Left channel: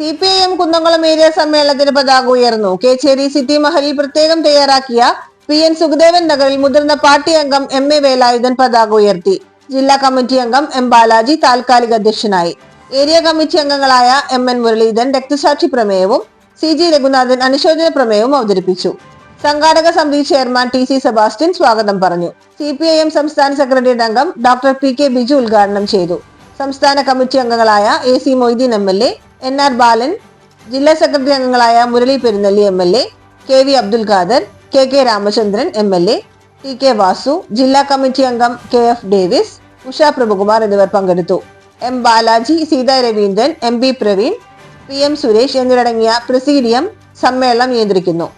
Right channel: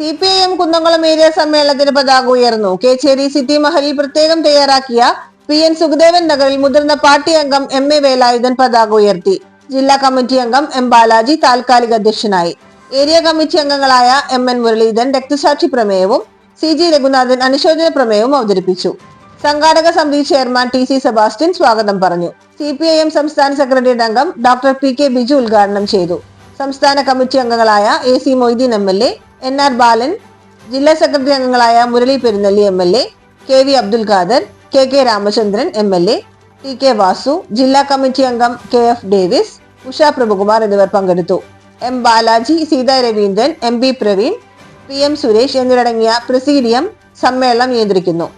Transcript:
CPIM Kunnamkulam area സമ്മേളനത്തിന് പതാക ഉയർന്നു. കേച്ചേരി സിറ്റി മഹലിൽ പ്രത്യേകം തയ്യാറാക്കിയ PN സുഖദേവൻ നഗറിൽ മുതിർന്ന പാർട്ടി അംഗം MA വേലായുധൻ പതാക ഉയർത്തി. ജില്ലാ കമ്മിറ്റി അംഗം M ബാലാജി താൽക്കാലിക അധ്യക്ഷനായി. ഏരിയ കമ്മിറ്റി അംഗങ്ങളായ MN മുരളീധരൻ രക്തസാക്ഷി പ്രമേയവും CG രഘുനാഥൻ അനുശോചന പ്രമേയവും അവതരിപ്പിച്ചു. സംഘാടക സമിതി ചെയർമാൻ TC സെബാസ്റ്റ്യൻ സ്വാഗതം പറഞ്ഞു. CPIM സംസ്ഥാന സെക്രട്ടേറിയറ്റ് അംഗം ഡോക്ടർ PK ബിജു ഉദ്ഘാടനം ചെയ്തു. സംസ്ഥാന കമ്മിറ്റി അംഗങ്ങളായ AC മൊയ്തീൻ MLA, NR ബാലൻ, ജില്ലാ സെക്രട്ടറി അംഗങ്ങളായ Murali Perunnelli MLA, KV Abdul Khader, KK Ramachandran MLA, TK Vasu, ജില്ലാ കമ്മിറ്റി അംഗം KF ഡേവിസ്, ഉഷ പ്രഭുകുമാർ എന്നിവർ പങ്കെടുത്തു. M Balaji, Sita Raveendran, MB Praveen, PM Suresh എന്നിവരടങ്ങിയ പ്രസീഡിയം സമ്മേളനം നിയന്ത്രിക്കുന്നു.